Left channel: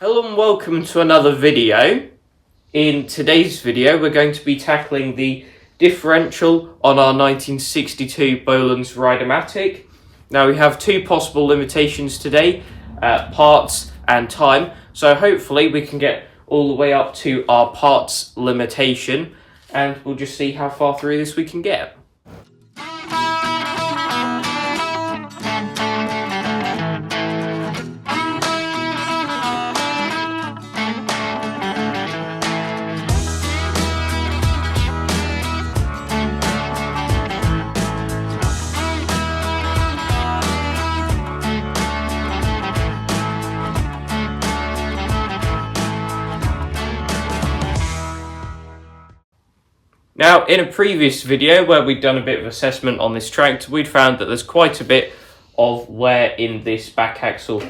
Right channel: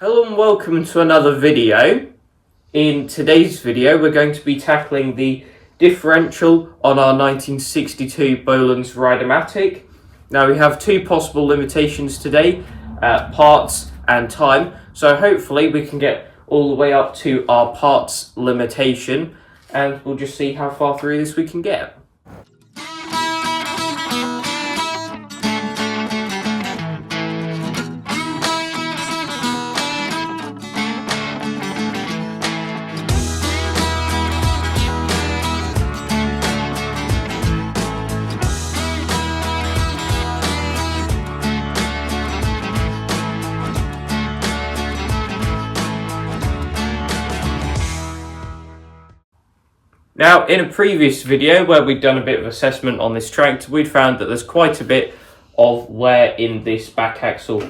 Hello and welcome to another video. In today's video we're going to be tackling the differential on our 1962 Bolens Ride-a-matic. Now we have two possible limitations today, parts and time, so hopefully we can get all the way up to our parts limitation and we'll just see how far through this we can get. Now, in a previous video where we'd done a bit of assessment on this tractor, we'd found that there's quite a bit of wear in this back axle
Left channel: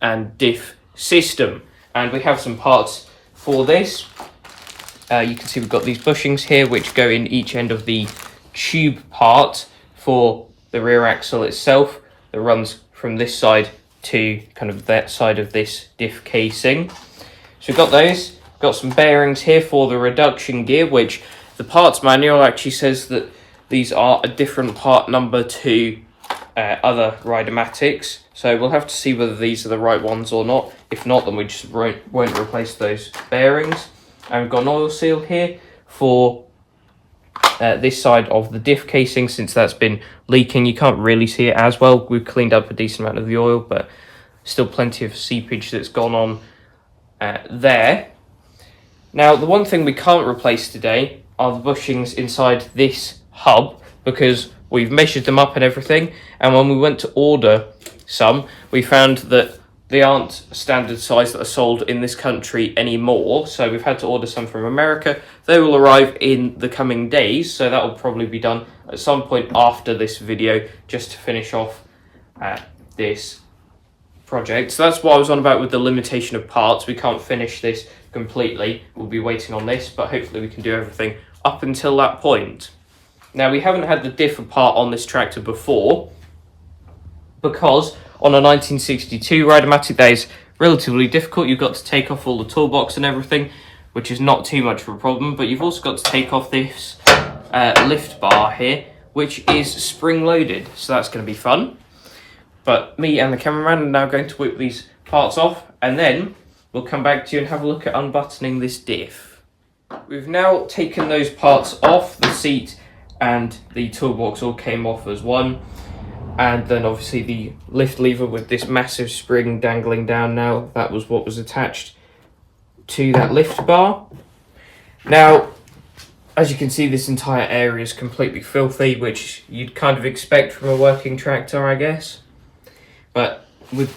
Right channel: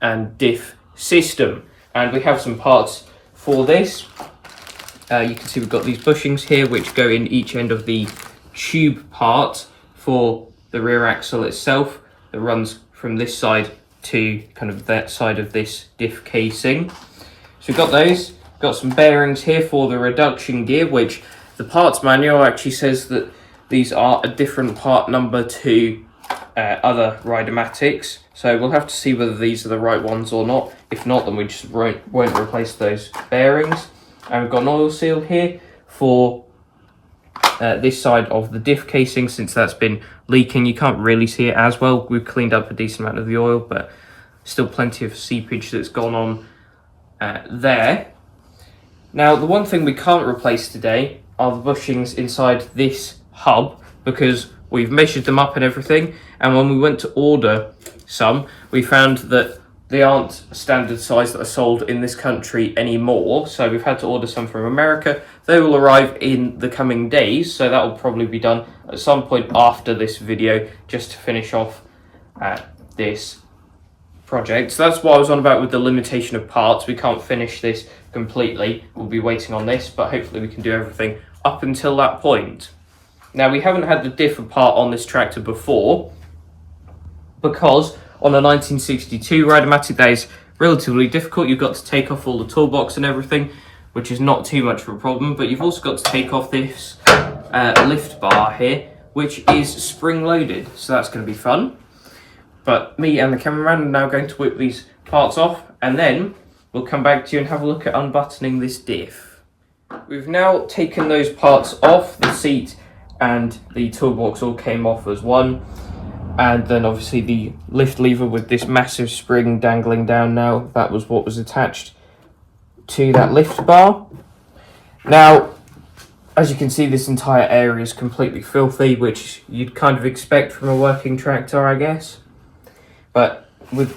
and diff system. And we have some parts for this. You can see we've got these bushings here which go in each end of the tube part for the rear axle itself that runs from this side to kind of that side of this diff casing. So we've got those, got some bearings here for the reduction gear, which the parts manual actually says that these are a different part number to other Rideamatics, so we'll have to see whether these are the right ones or not. If not, then we just won't replace those bearings. And we've got an oil seal here for this side of the diff casing, since that's been leaking. You can't really see it as well. We've cleaned up a decent amount of the oil, but still plenty of seepage that's gone on there. Now, the one thing we can't replace today are the bushings inside this hub, because we've measured them up and everything, and when we went to order some, we found that they aren't standard size that are sold in this country anymore, so we've had to order some from America. They will arrive in the coming days, so that will probably be done at some point after this video, just to finish off this project. So that's what I was on about with the limitation of parts. We can't finish this completely, we'll be waiting on this, but hopefully we can do everything up until that point. Now, we haven't had the diff part on this tractor before, because on a 1962 Rideamatic that is relatively difficult. You've got to take off all the toolbox and everything, which is not too much of a problem, but you've also got to take off this lift bar here, which is spring loaded, so that's going to be fun. But me and the cameraman are now going to whip these parts off, and then we'll come back to you and have a look at unbuttoning this diff. We've now taken those parts off. The seat and the toolbox all came off as one, and then obviously the lift lever with this massive spring dangling down now, that was what was attached to that lift bar. Now, as you can see, this entire area is completely filthy, which you'd kind of expect from a working tractor, I guess. But we've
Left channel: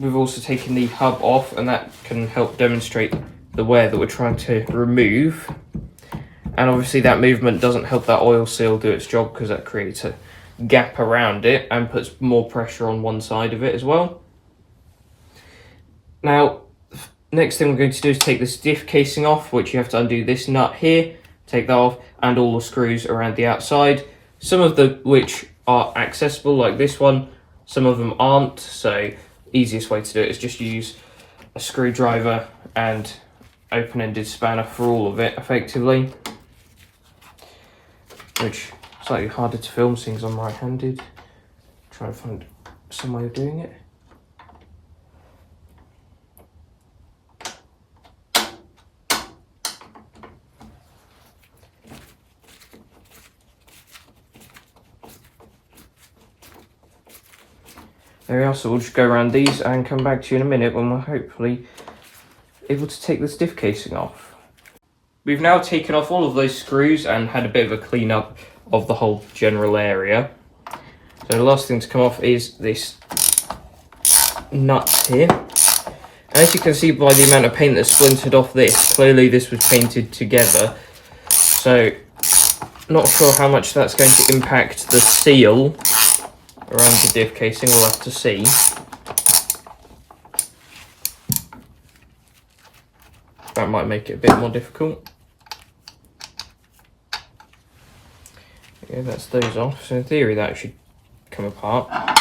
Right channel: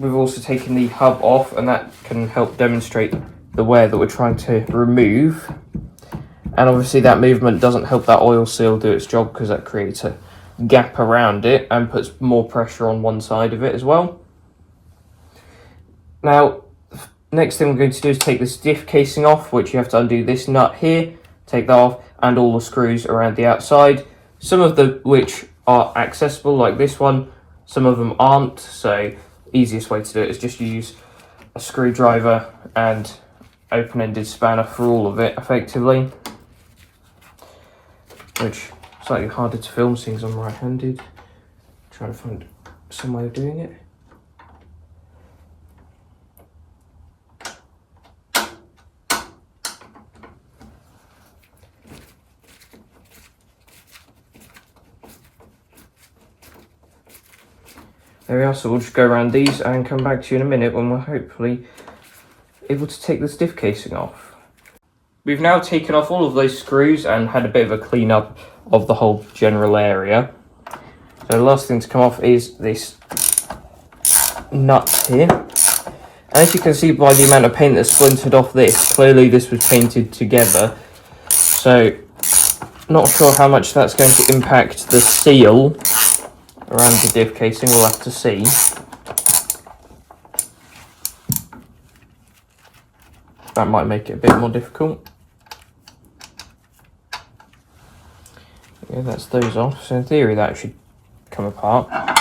also taken the hub off, and that can help demonstrate the wear that we're trying to remove. And obviously that movement doesn't help that oil seal do its job, because that creates a gap around it and puts more pressure on one side of it as well. Now, next thing we're going to do is take this diff casing off, which you have to undo this nut here, take that off, and all the screws around the outside. Some of the which are accessible, like this one, some of them aren't, so easiest way to do it is just use a screwdriver and open-ended spanner for all of it, effectively. Which is slightly harder to film, seeing as I'm right-handed. Trying to find some way of doing it. There we are, so we'll just go around these and come back to you in a minute when we're hopefully able to take this diff casing off. We've now taken off all of those screws and had a bit of a clean up of the whole general area. So the last thing to come off is this nut here. And as you can see by the amount of paint that's splintered off this, clearly this was painted together. So not sure how much that's going to impact the seal around the diff casing, we'll have to see. That might make it a bit more difficult. Yeah, that's those off. So in theory that should come apart.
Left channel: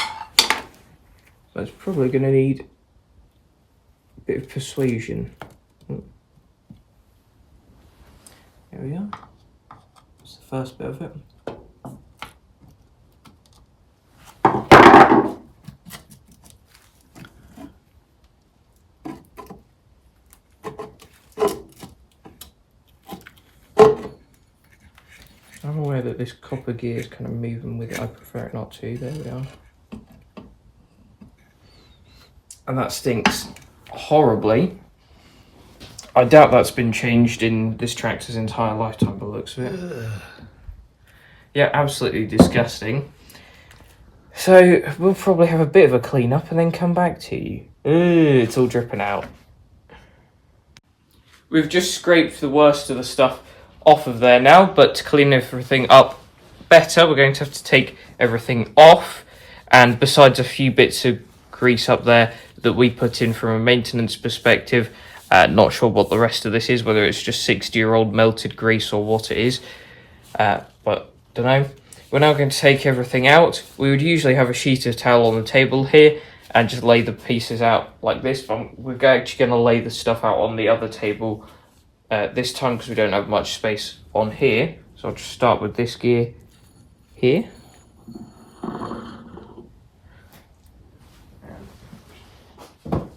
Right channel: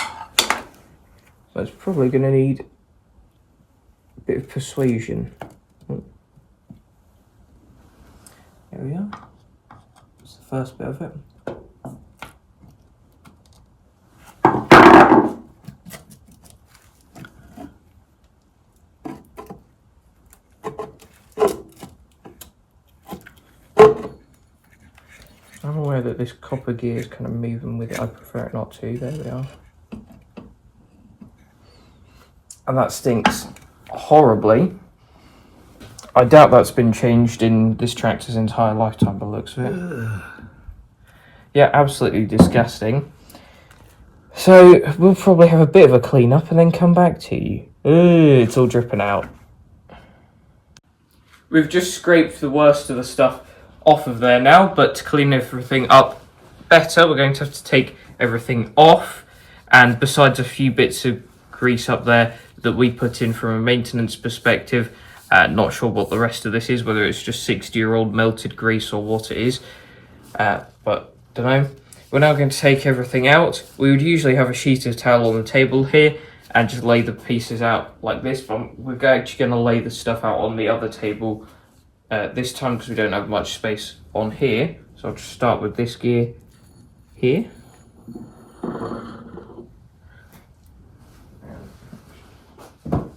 So it's probably going to need bit of persuasion. There we are. That's the first bit of it. I'm aware that this copper gear is kind of moving with it. I prefer it not to. There we are. And that stinks horribly. I doubt that's been changed in this tractor's entire lifetime by the looks of it. Yeah, absolutely disgusting. So we'll probably have a bit of a clean up and then come back to you. It's all dripping out. We've just scraped the worst of the stuff off of there now, but to clean everything up better, we're going to have to take everything off. And besides a few bits of grease up there that we put in from a maintenance perspective, not sure what the rest of this is, whether it's just 60-year-old melted grease or what it is, but don't know. We're now going to take everything out. We would usually have a sheet of towel on the table here and just lay the pieces out like this, but we're actually going to lay the stuff out on the other table this time because we don't have much space on here. So I'll just start with this gear here.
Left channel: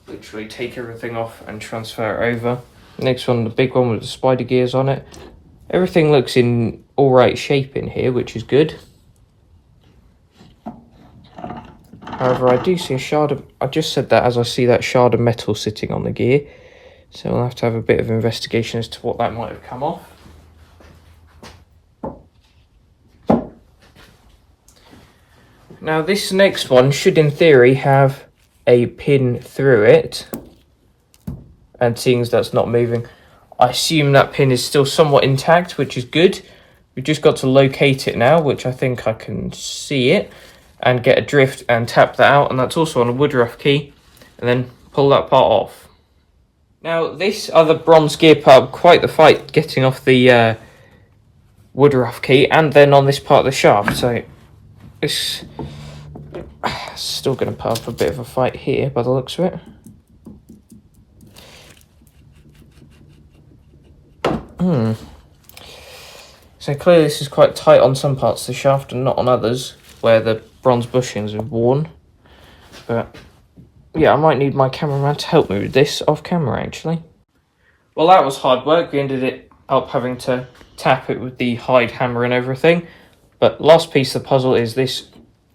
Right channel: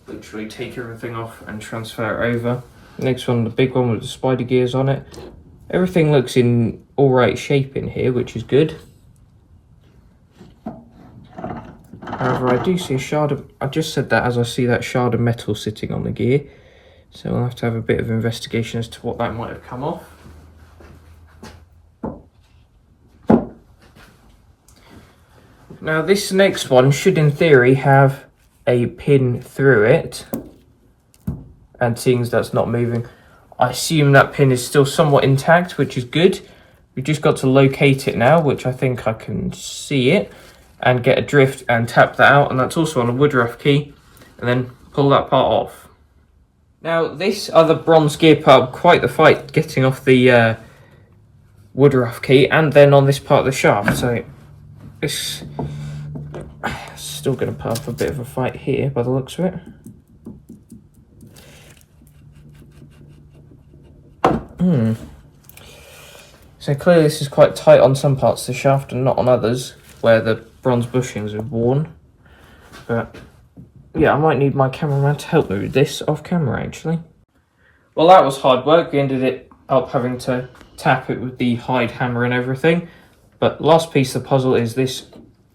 Literally take everything off and transfer it over. Next one, the big one with the spider gears on it. Everything looks in all right shape in here, which is good. However, I do see a shard of, I just said that as I see that shard of metal sitting on the gear. So we'll have to have a bit of investigation as to what that might have come off. Now this next one should in theory have a pin through it. And seeing as that's not moving, I assume that pin is still somewhat intact, which is good. We've just got to locate it now, which I think I can see it, and get a drift and tap that out, and that's also on a wood rough key, and then pull that part off. Now this other bronze gear part, quite the fight getting off the wood rough key, and then on this part of the shaft, so it's still going to put up a bit of a fight here by the looks of it. So clearly this is quite tight on some parts of the shaft and not on others where the bronze bushings have worn. But yeah, I might need my cameraman to help me with this off camera actually. Well, that was hard work. We ended up having to tap it with the hide hammer and everything. But last piece of the puzzle is this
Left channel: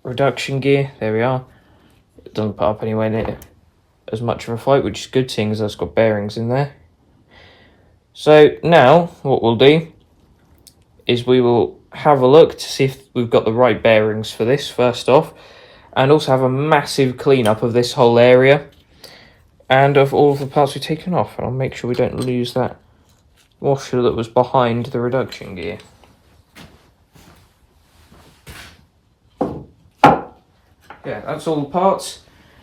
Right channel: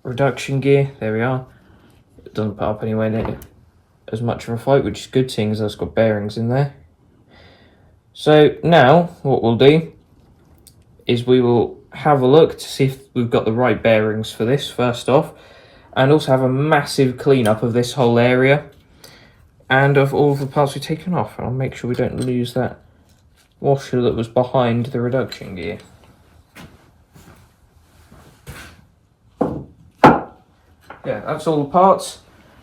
reduction gear. There we are. It doesn't put up anywhere near as much of a fight, which is good seeing as it's got bearings in there. So now what we'll do is we will have a look to see if we've got the right bearings for this first off, and also have a massive cleanup of this whole area and of all of the parts we've taken off, and I'll make sure we don't lose that washer that was behind the reduction gear. Yeah, that's all the parts.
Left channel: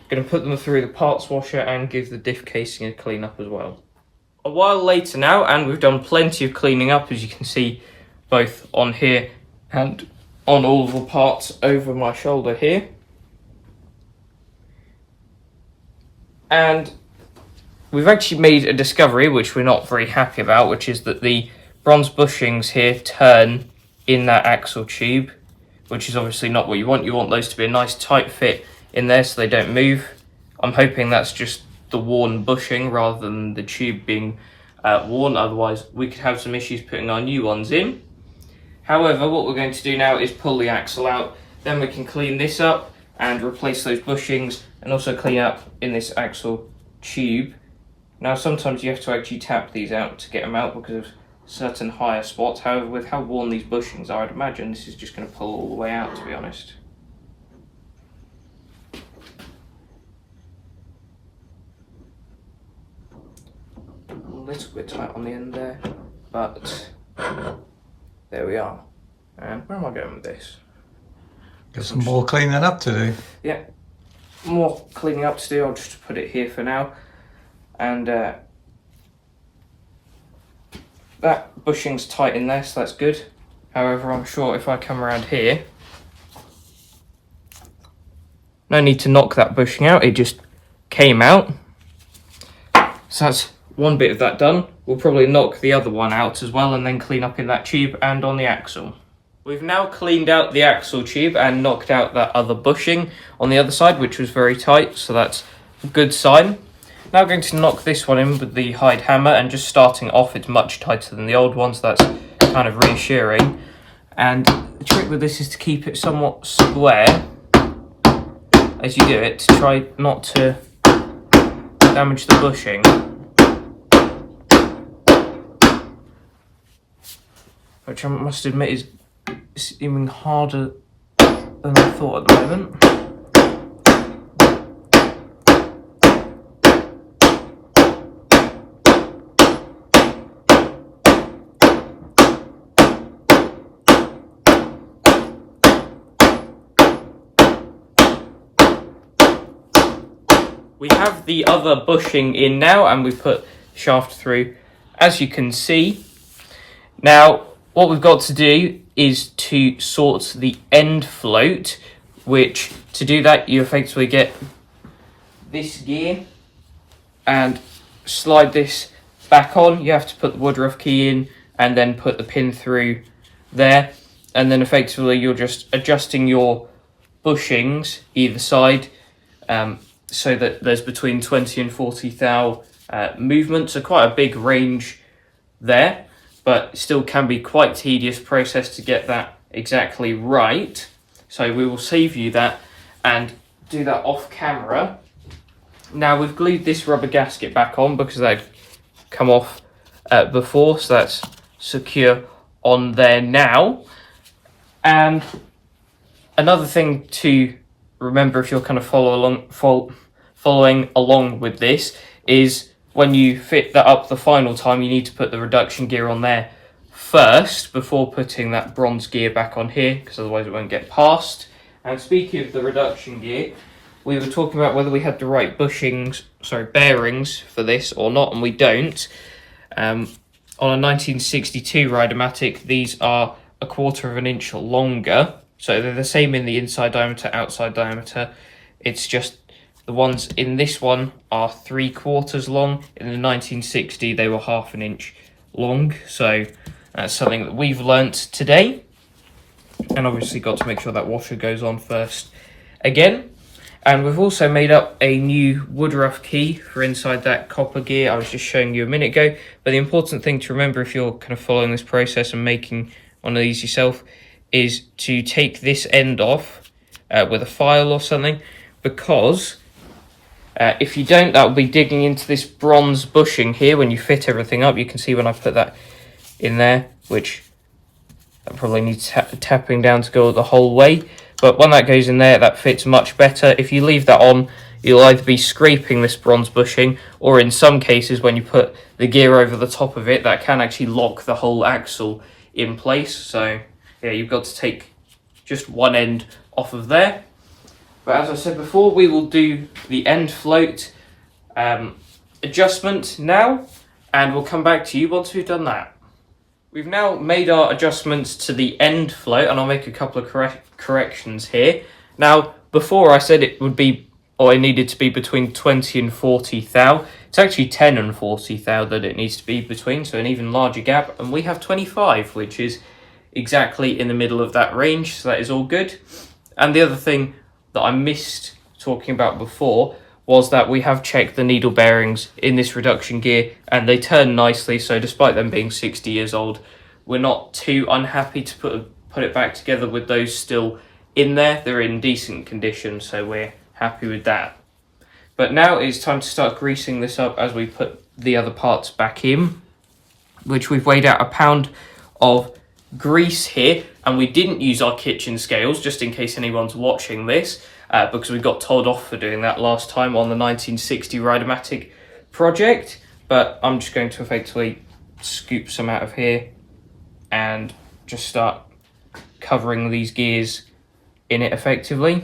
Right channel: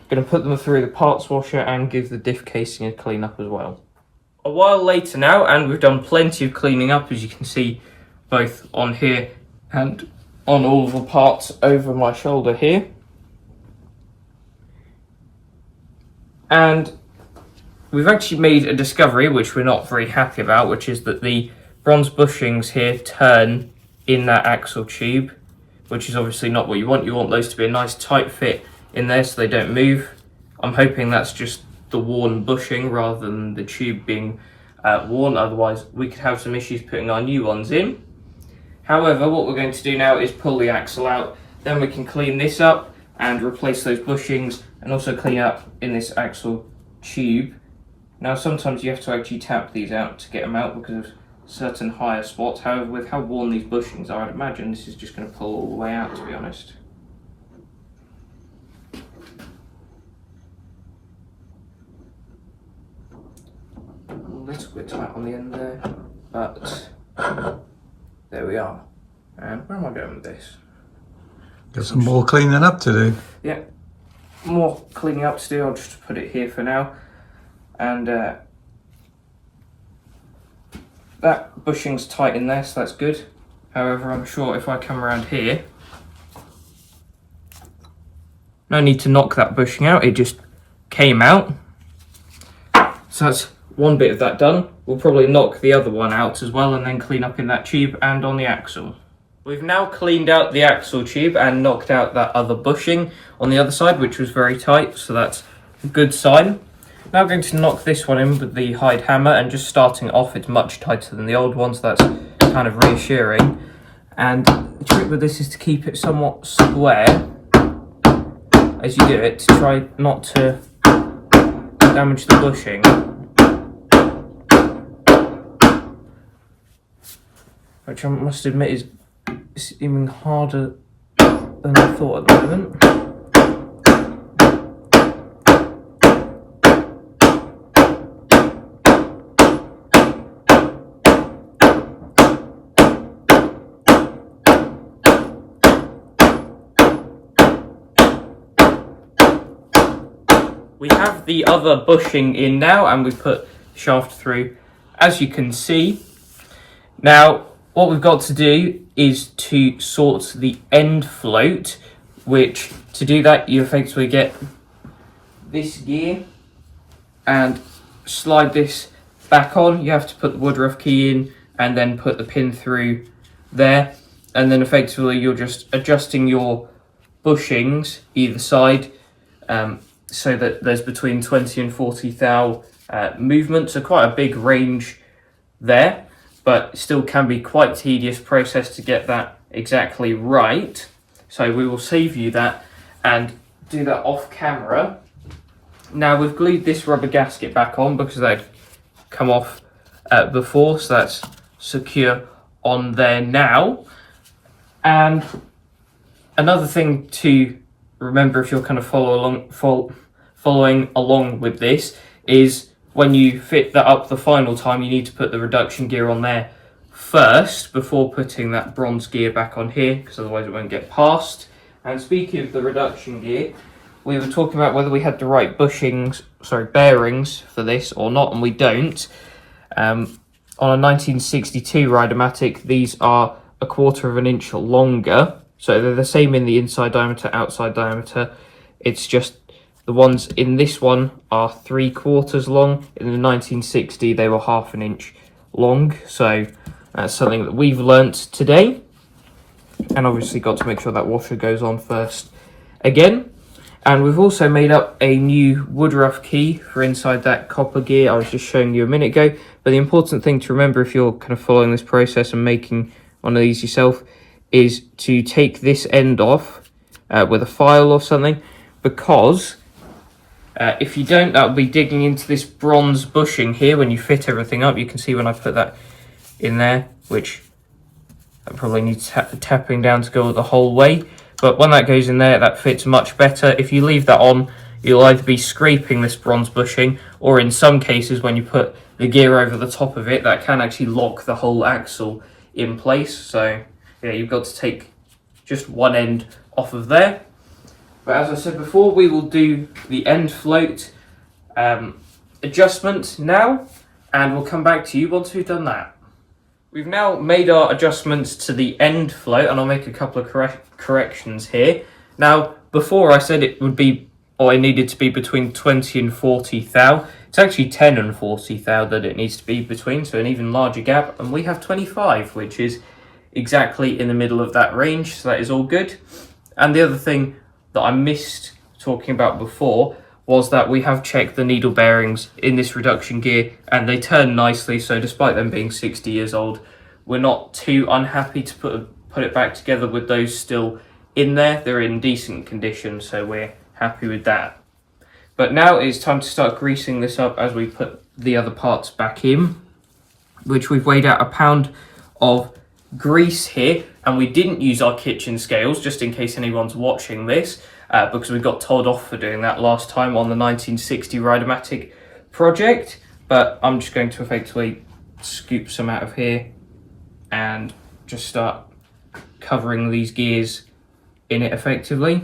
Going to put them through the parts washer and give the diff casing a clean up as well. A while later now, and we've done plenty of cleaning up, as you can see, both on here and on all of the parts over my shoulder here. And we've actually made a discovery which we're not very happy about, which is that the bronze bushings here turn in that axle tube, which is obviously not what you want. You want those to be a nice tight fit in there so they don't move. I'm hoping that's just the worn bushing rather than the tube being worn, otherwise we could have some issues putting our new ones in. However, what we're going to do now is pull the axle out, then we can clean this up and replace those bushings and also clean up in this axle tube. Now sometimes you have to actually tap these out to get them out because of certain higher spots. However, with how worn these bushings are, I'd imagine this is just going to pull all the way out, to be honest. A little bit tight on the end there, but there we are. And where am I going with this? Got some more cleaning up to do. Yeah, more cleaning up to do. I'll just put it here for now. And that bushing's tight in there, so that's good. However, I'm sure if I come around here, no need to knock that bushing out, it just came out. So that's one bit of that done. We'll probably knock the other one out as well and then clean up in that tube and on the axle. We've now cleaned out the axle tube and knocked out that other bushing on the other side, which was very tight, so that's a good sign. Now we're going to knock this one in with the hide hammer, and just starting off, it's much tighter than the old one, so that's kind of reassuring. And the trick with this is to keep it somewhat square as you do it, to try not to damage the bushing. Which I must admit is even harder than I thought at the moment. We have the other bushing in now, and we put shaft through, as you can see. Now, what we've got to do is to sort the end float, which to do that you effectively get this gear and slide this back on. You have to put the woodruff key in and then put the pin through there, and then effectively you're just adjusting your bushings either side, so that there's between 20 and 40 thou movement, so quite a big range there, but still can be quite tedious process to get that exactly right. So we will save you that and do that off camera. Now we've glued this rubber gasket back on because they've come off before, so that's secure on there now. And another thing to remember if you're kind of following along with this is when you fit that up the final time, you need to put the reduction gear on there first before putting that bronze gear back on here, because otherwise it won't get past. And speaking of the reduction gear, we were talking about whether we had the right bearings for this or not, and we don't. On a 1962 Rideamatic, these are 1/4 of an inch longer, so they're the same in the inside diameter, outside diameter. It's just the ones in this one are 3/4 long. In the 1960, they were 1/2 an inch long. So that's something that we've learnt today. And obviously got to make sure that washer goes on first again. And we've also made up a new woodruff key for inside that copper gear I was just showing you a minute ago. But the important thing to remember if you're kind of following this process and making one of these yourself is to take this end off with a file or something, because if you don't, that will be digging into this bronze bushing here when you fit everything up. You can see when I put that in there, which that probably needs tapping down to go the whole way. But when that goes in there, that fits much better. If you leave that on, you'll either be scraping this bronze bushing, or in some cases, when you put the gear over the top of it, that can actually lock the whole axle in place. So yeah, you've got to take just one end off of there. But as I said before, we will do the end float adjustment now, and we'll come back to you once we've done that. We've now made our adjustments to the end float, and I'll make a couple of corrections here. Now, before I said it would be, or it needed to be between 20 and 40 thou. It's actually 10 and 40 thou that it needs to be between, so an even larger gap, and we have 25, which is exactly in the middle of that range, so that is all good. And the other thing that I missed talking about before was that we have checked the needle bearings in this reduction gear, and they turn nicely, so despite them being 60 years old, we're not too unhappy to put it back together with those still in there. They're in decent condition, so we're happy with that. But now it's time to start greasing this up as we put the other parts back in, which we've weighed out 1 pound of grease here, and we didn't use our kitchen scales just in case anyone's watching this, because we got told off for doing that last time on the 1960 Rideamatic project. But I'm just going to effectively scoop some out of here and just start covering these gears in it effectively.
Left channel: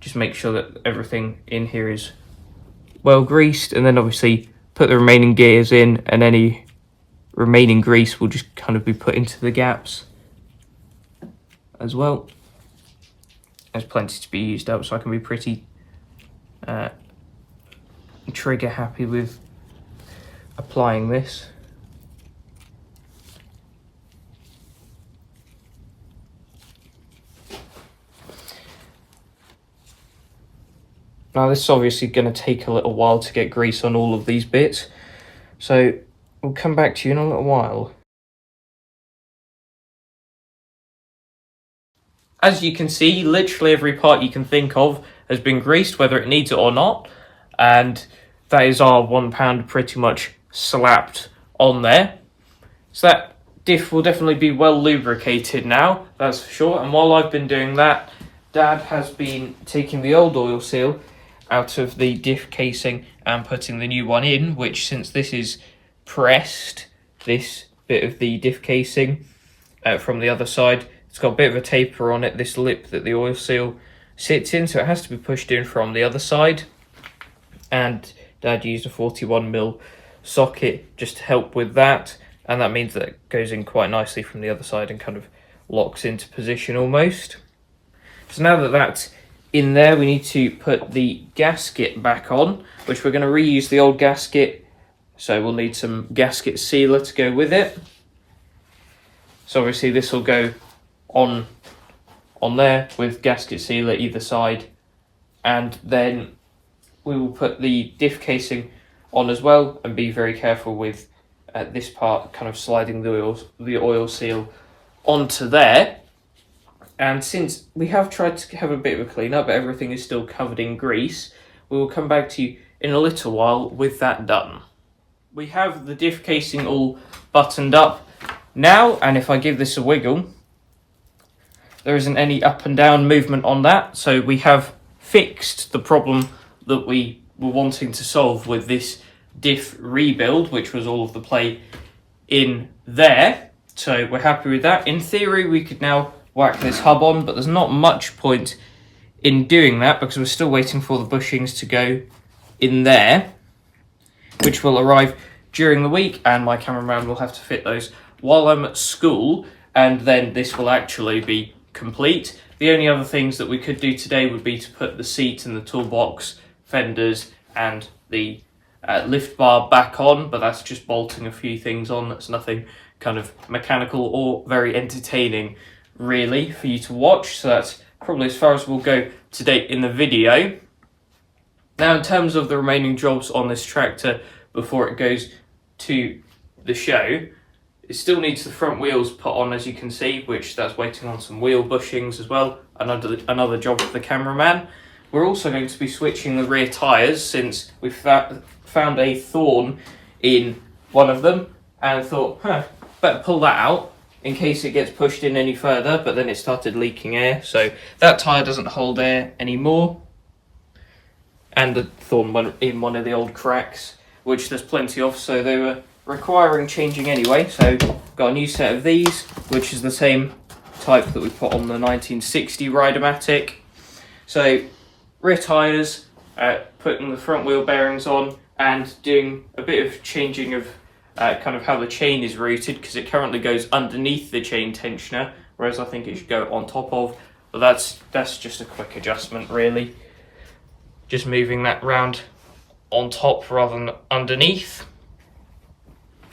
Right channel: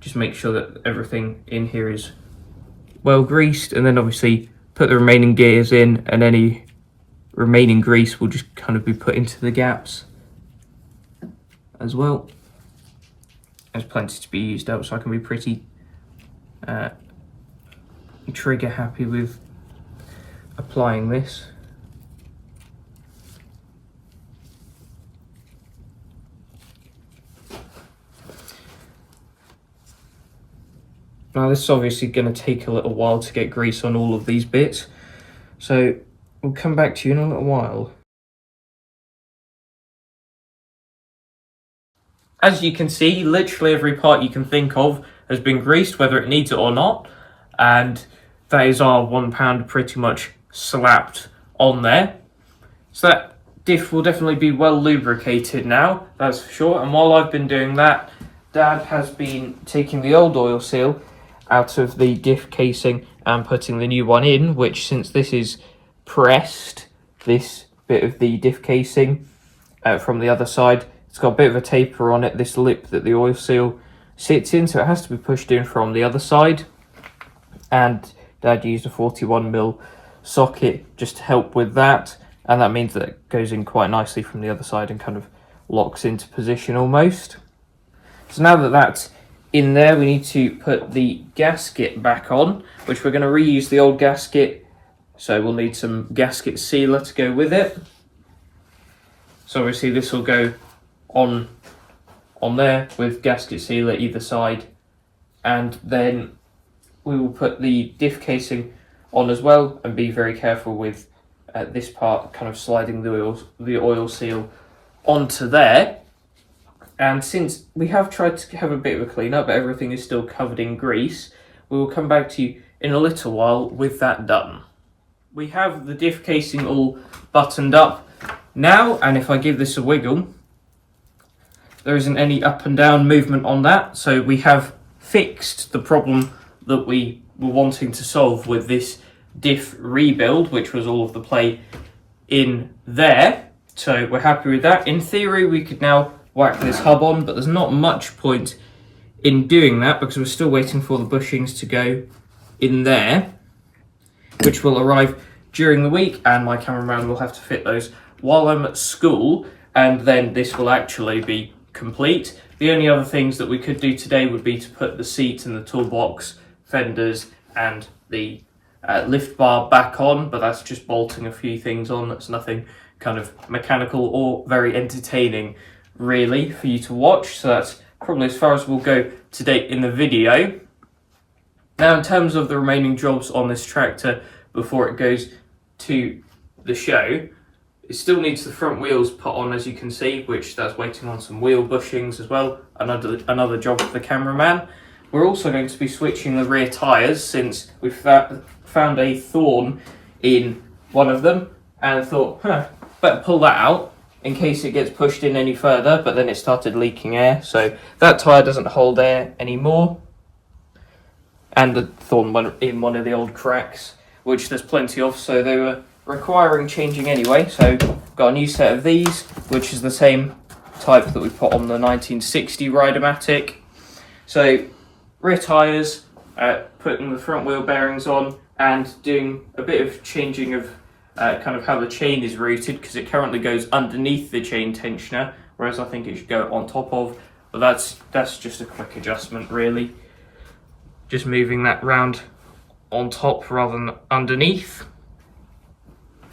Just make sure that everything in here is well greased, and then obviously put the remaining gears in, and any remaining grease will just kind of be put into the gaps as well. There's plenty to be used up, so I can be pretty trigger happy with applying this. Now this is obviously going to take a little while to get grease on all of these bits, so we'll come back to you in a little while. As you can see, literally every part you can think of has been greased, whether it needs it or not, and that is our £1 pretty much slapped on there. So that diff will definitely be well lubricated now, that's for sure. And while I've been doing that, Dad has been taking the old oil seal out of the diff casing and putting the new one in, which, since this is pressed, this bit of the diff casing from the other side, it's got a bit of a taper on it, this lip that the oil seal sits in, so it has to be pushed in from the other side. And Dad used a 41mm socket just to help with that, and that means that it goes in quite nicely from the other side and kind of locks into position almost. So now that that's in there, we need to put the gasket back on, which we're going to reuse the old gasket, so we'll need some gasket sealer to go with it. So obviously this will go on there with gasket sealer either side, and then we will put the diff casing on as well, and be very careful with this part kind of sliding the oil seal onto there. And since we have tried to have a bit of a clean up, but everything is still covered in grease, we will come back to you in a little while with that done. We have the diff casing all buttoned up now, and if I give this a wiggle, there isn't any up and down movement on that. So we have fixed the problem that we were wanting to solve with this diff rebuild, which was all of the play in there. So we're happy with that. In theory, we could now whack this hub on, but there's not much point in doing that because we're still waiting for the bushings to go in there, which will arrive during the week, and my cameraman will have to fit those while I'm at school, and then this will actually be complete. The only other things that we could do today would be to put the seat and the toolbox, fenders, and the lift bar back on, but that's just bolting a few things on. That's nothing kind of mechanical or very entertaining really for you to watch, so that's probably as far as we'll go today in the video. Now, in terms of the remaining jobs on this tractor before it goes to the show, it still needs the front wheels put on, as you can see, which that's waiting on some wheel bushings as well. Another job for the cameraman. We're also going to be switching the rear tyres, since we've found a thorn in one of them, and thought, better pull that out in case it gets pushed in any further, but then it started leaking air, so that tyre doesn't hold air anymore. And the thorn went in one of the old cracks, which there's plenty of, so they were requiring changing anyway. So got a new set of these, which is the same type that we put on the 1960 Rideamatic. So rear tyres, putting the front wheel bearings on, and doing a bit of changing of kind of how the chain is routed, because it currently goes underneath the chain tensioner, whereas I think it should go on top of. But that's just a quick adjustment really, just moving that round on top rather than underneath,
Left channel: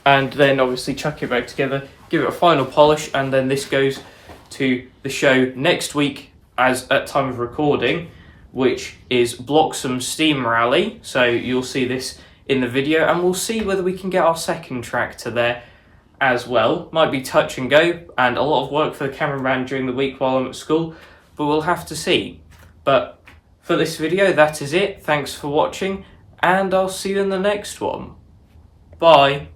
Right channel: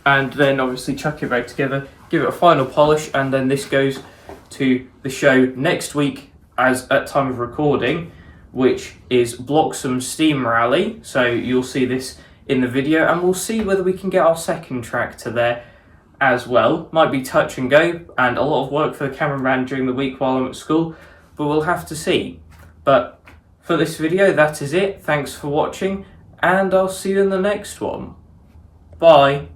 and then obviously chuck it back together, give it a final polish, and then this goes to the show next week, as at time of recording, which is Bloxham Steam Rally. So you'll see this in the video, and we'll see whether we can get our second tractor there as well. Might be touch and go, and a lot of work for the cameraman during the week while I'm at school, but we'll have to see. But for this video, that is it. Thanks for watching, and I'll see you in the next one. Bye.